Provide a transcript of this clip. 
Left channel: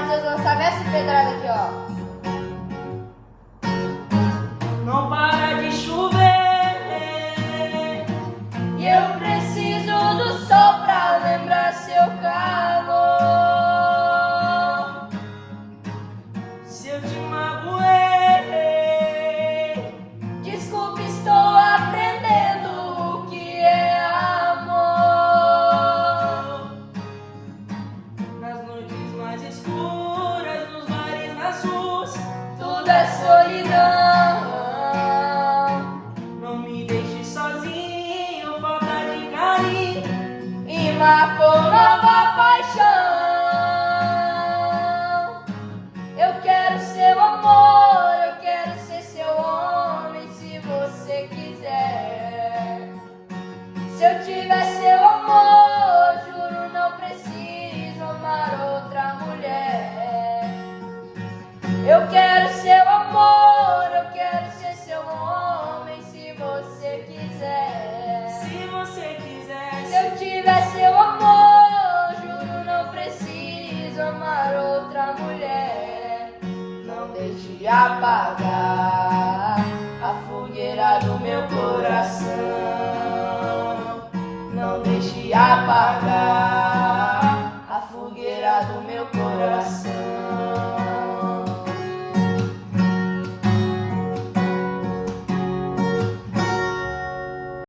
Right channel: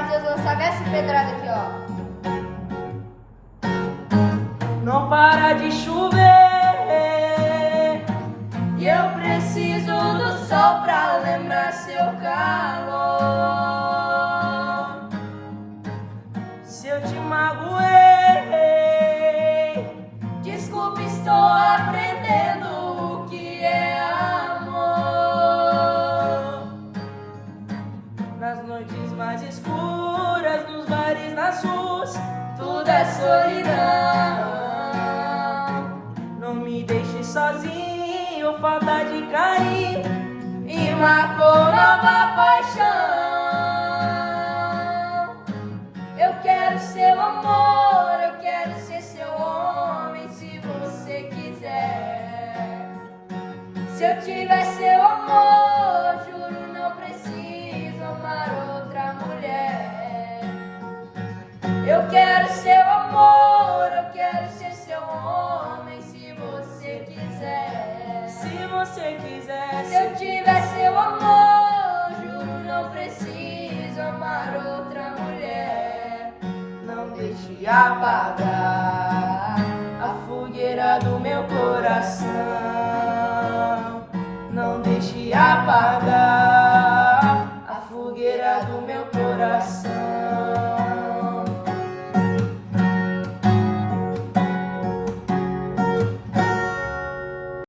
Matheus Gonçalves e pedrada aqui, ó. Não para de chover E eu preciso do sol pra lembrar seu calor. se eu te magoei. Desculpe, estou aprendendo o que é amor. Nas noites mais escuras, nos bares, nas ruas, Tudo é solidão. não me deixe sozinho, falta de carinho. E marcou nova paixão. Eu quero seu amor, eu quero ser seu homem, se você quiser. Se eu tiver seu amor, juro não preciso amar outra mulher. Eu quero seu amor, eu quero ser seu homem, se você quiser. Se você quiser, Se eu tiver seu amor, juro não preciso amar outra mulher. Não deixe apagar a fogueira do meu coração. Não deixe apagar